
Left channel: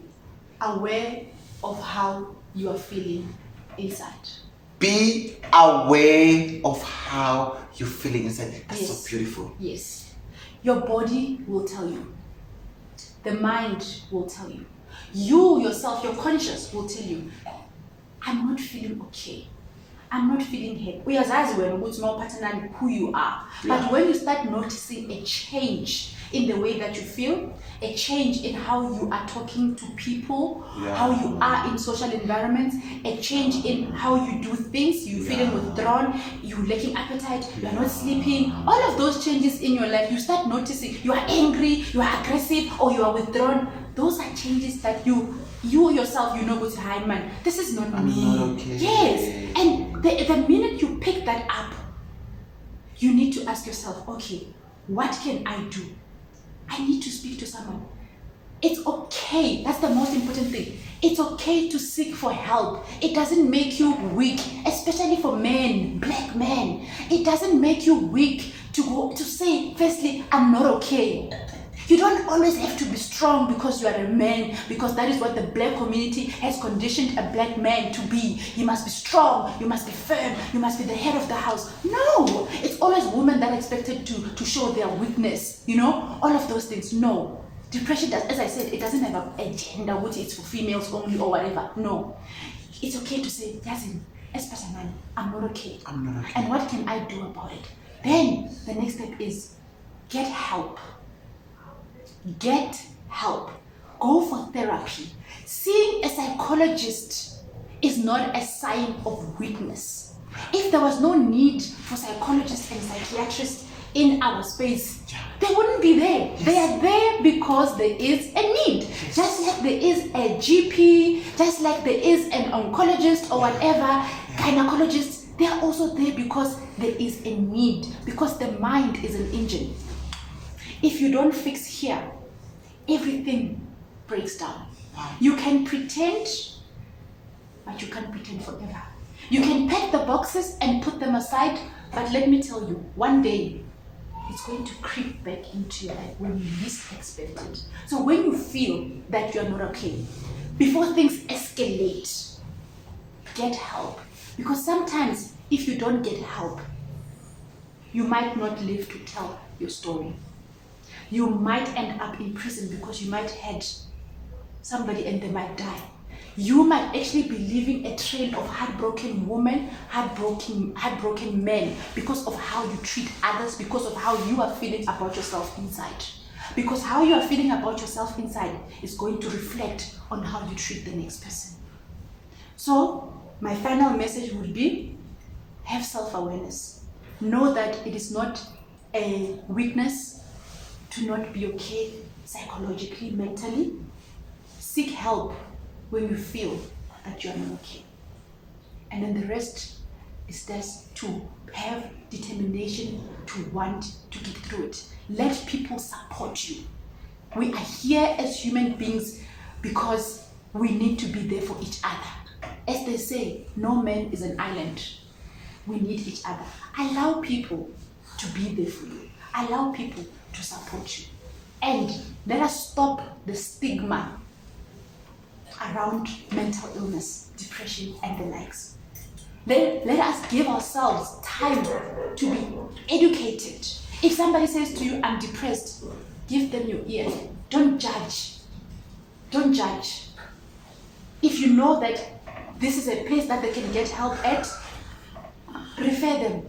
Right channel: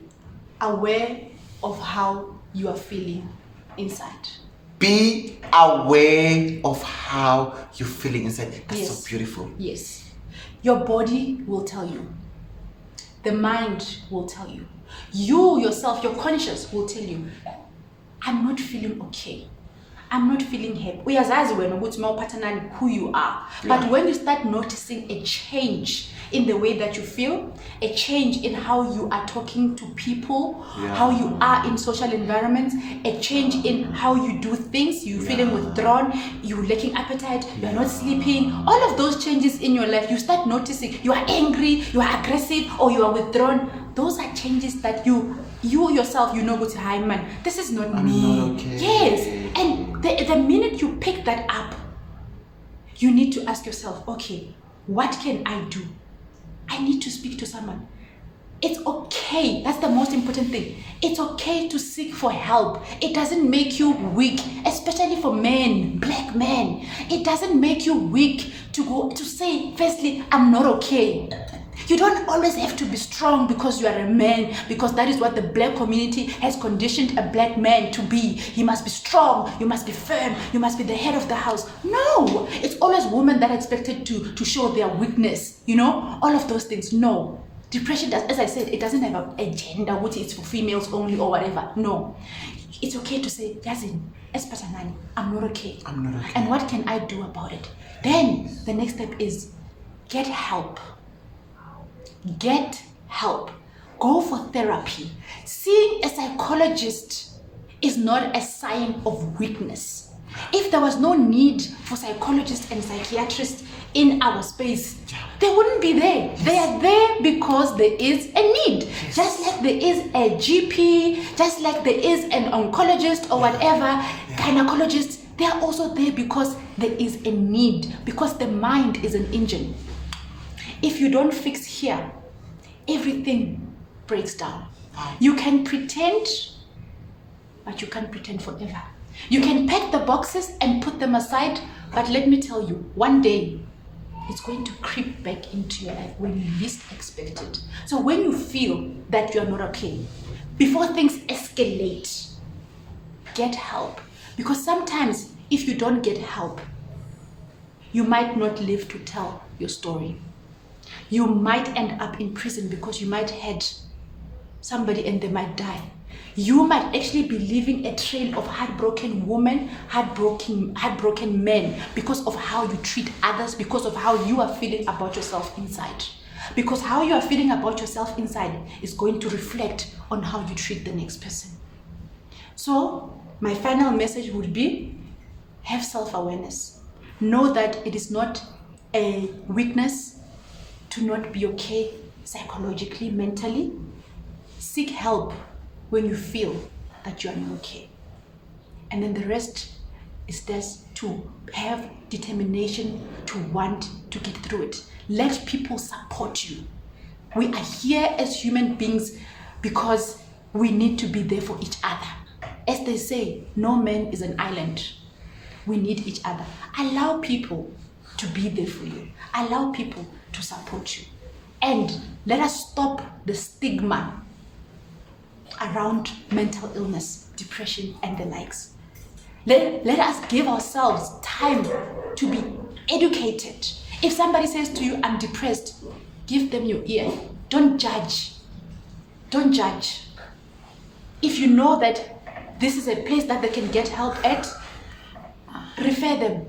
aware of how you are feeling inside. Be aware of how you're feeling inside. That's so beautiful. Yes. Your body will tell you. The mind will tell you. You yourself, your conscious will tell you, I'm not feeling okay. I'm not feeling happy. Uyazazi wena ukuthi mawuphathana who you are. But when you start noticing a change in the way that you feel, a change in how you are talking to people, how you are in social environments, a change in how you do things, you're feeling withdrawn, you're lacking appetite, you're not sleeping, all of those changes in your life, you start noticing you are angry, you are aggressive, or you are withdrawn. Those are changes that you yourself, you know, hi man, this is not me. Yes. And the minute you pick that up, you need to ask yourself, okay, what can I do? I need to speak to someone. It's okay. That's the most important thing. It's okay to seek for help. It doesn't make you weak, especially for men, black men. It doesn't make you weak to go to say, firstly, I'm not okay. You don't always have to be strong because you are a man, because that is what the black community has conditioned a black man to be. He must be strong, you must be firm, you must be the head of the house. No, it's always women that are expected to show their weakness, you know, all of those things. No, depression does, as I said, it doesn't have a gender, which is for females only or whatever. No, it's okay to say, Yazin, as Phathanani, I'm not okay. And what can I do about it? Then the next step is get help. Get help. Go for therapy. Seeing a psychologist is not a sign of weakness. If there was no need for psychologists and psychiatrists in our space, they wouldn't be there. They are there because there is a need. Just like there is a GP, just like there is an oncologist or whatever, gynecologist, they are also there because there is a need, because the mind is an engine. If you don't fix here, everything breaks down. You can pretend, but you can't pretend forever. You can pack the boxes and put them aside, but let me tell you, one day it's going to creep back into your life when you least expect it. So when you feel that you're not okay, before things escalate, get help. Because sometimes if you don't get help, you might not live to tell your story. You might end up in prison because you might hurt somebody and they might die. You might actually be living a trail of heartbroken women, heartbroken men, because of how you treat others, because of how you are feeling about yourself inside. Because how you are feeling about yourself inside is going to reflect on how you treat the next person. So my final message would be, have self-awareness. Know that it is not a weakness to not be okay psychologically, mentally. Seek help when you feel that you are not okay. And then the rest is just to have determination to want to get through it. Let people support you. We are here as human beings because we need to be there for each other. As they say, no man is an island. We need each other. Allow people to be there for you. Allow people to support you. And let us stop the stigma around mental illness, depression, and the likes. Let us give ourselves time to be educated. If somebody says to you, I'm depressed, give them your ear. Don't judge. Don't judge. If you know that this is a place that they can get help at, refer them.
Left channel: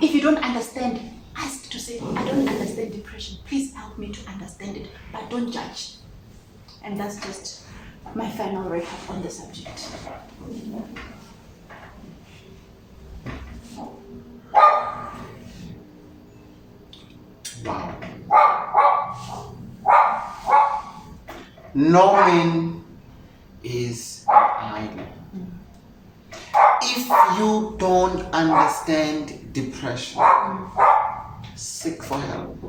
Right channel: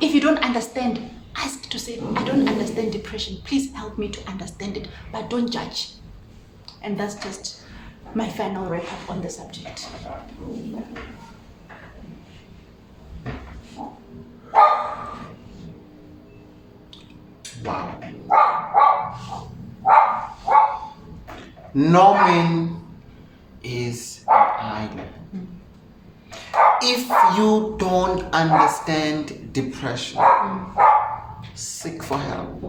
If you don't understand, ask to say, I don't understand depression. Please help me to understand it, but don't judge. And that's just my final wrap-up on the subject. Wow. No man is an island. If you don't understand depression, seek for help.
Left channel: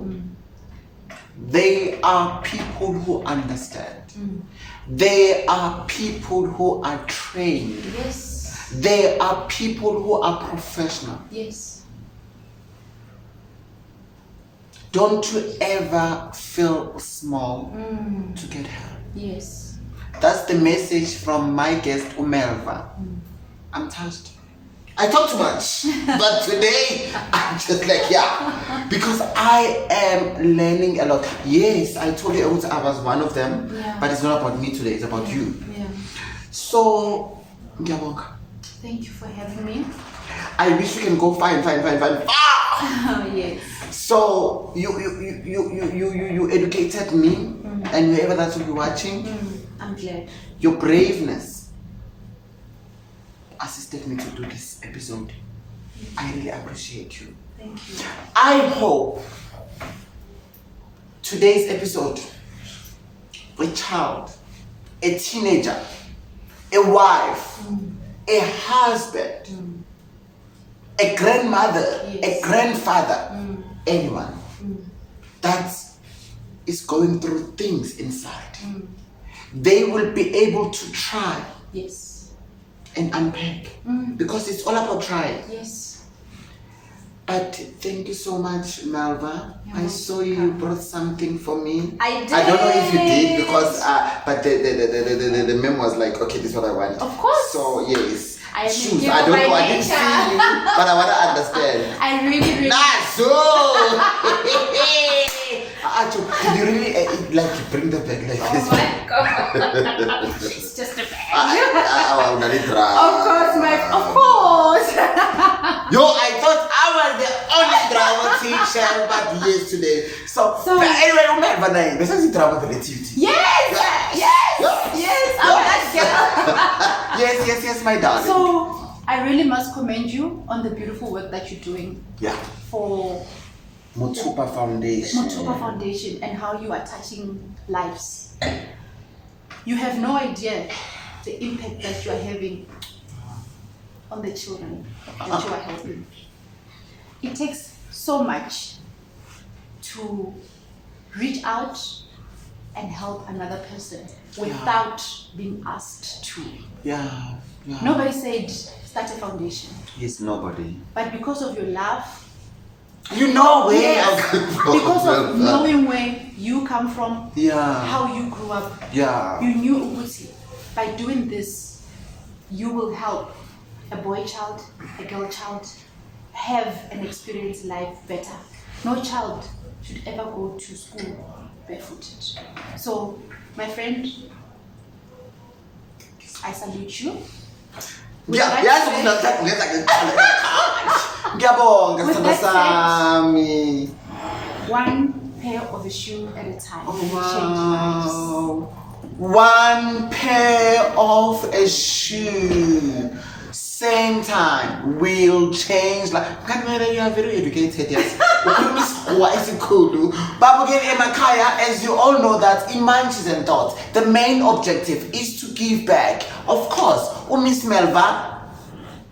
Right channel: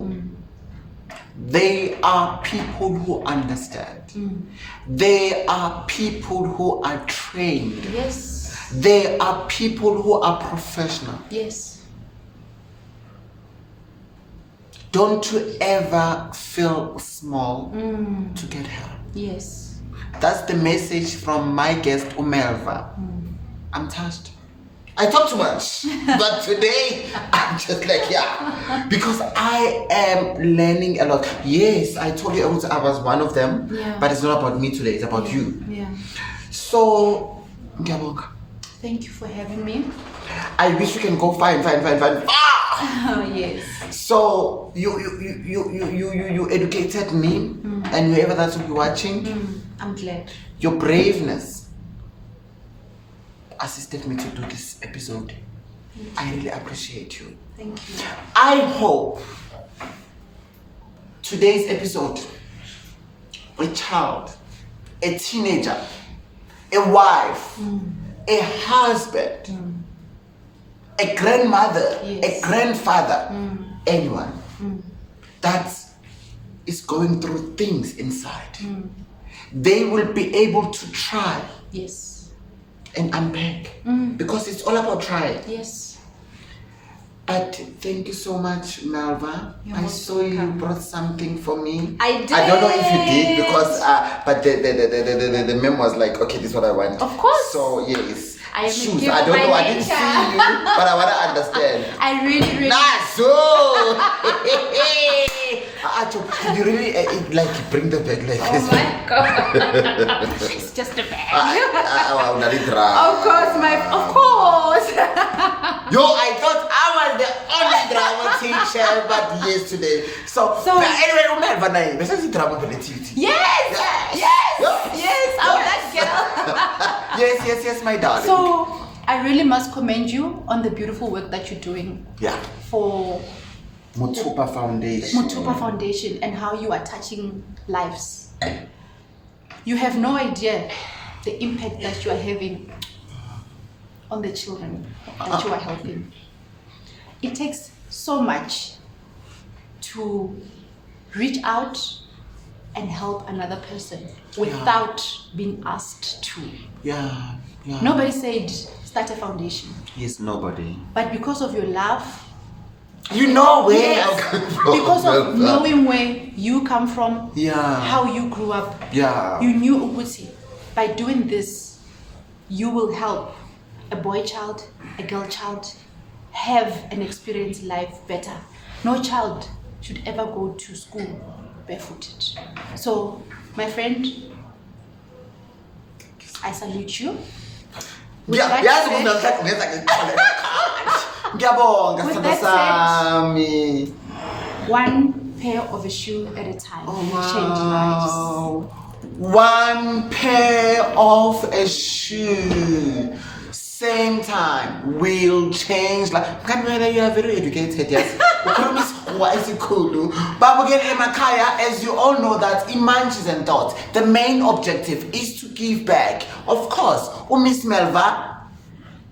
There are people who understand. There are people who are trained. Yes. There are people who are professional. Yes. Don't you ever feel small to get help. Yes. That's the message from my guest, MELVA. I'm touched. I talk too much, but today I'm just like, yeah, because I am learning a lot. Yes, I told you I was one of them, but it's not about me today, it's about you. Yeah. So, ngiyabonga. Thank you for having me. I wish we can go fine. Oh, yes. So you educated me, and whoever that will be watching, I'm glad. your braveness assisted me to do this episode. I really appreciate you. Thank you. I hope today's episode, a child, a teenager, a wife, a husband, a grandmother, a grandfather, anyone that is going through things inside, they will be able to try. Yes. And unpack, because it's all about trying. Yes. But thank you so much, MELVA. I saw welcome. you brought something for me. I did. I don't know if you did because, but the meme was like, okay, this is what I want. Of course. So yes. I am shoes. a I don't know. I didn't nature. see you, but I want to understand. I really. Nice. Did you really like bring the bag like this? Oh my god. It's just a bag. I'm not in trouble. Of course. Yo, I thought I was the only drama teacher, but yes today. So but anyway, MELVA, this is drama relativity. Yes. I'm that girl. Yes, my darling. So I really must commend you on the beautiful work that you're doing. Yeah. For Mothupa Foundation. Mothupa Foundation and how you are touching lives. You have no idea the impact that you are having on the children that you are helping. It takes so much to reach out and help another person without being asked to. Yeah. Nobody said start a foundation. Yes, nobody. But because of your love You know where Yes, I come from. because of knowing where you come from, Yeah. how you grew up. Yeah. You knew Uguti. By doing this, you will help a boy child, a girl child have an experience life better. No child should ever go to school barefooted. So, my friend, I salute you. With Yeah, that yes, With that sami. one pair of a shoe at a time. Change lives. One pair of a shoe. Same time will change. Like, you are very educated, yes. But again, Emakaya, as you all know, that in Munchies and Thoughts, the main objective is to give back. Of course, Miss Melva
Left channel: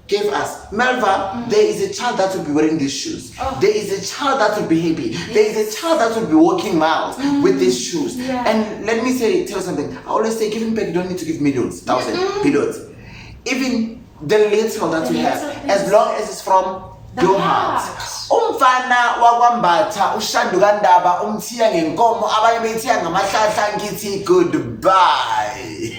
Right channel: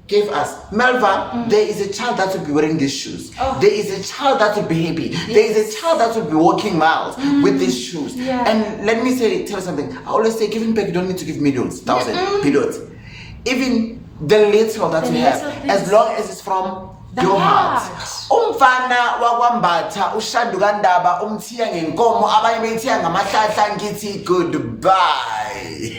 gave us. Melva, there is a child that will be wearing these shoes. Oh. There is a child that will be happy. Yes. There is a child that will be walking miles with these shoes. Yeah. And let me tell you something. I always say, giving back, you don't need to give millions, thousands, billions. Even the little that you have, as long as it's from your heart. Umfana wakwambatha ushandukandaba umthiya ngenkomo abanye bethiya ngamahlahla ngithi goodbye.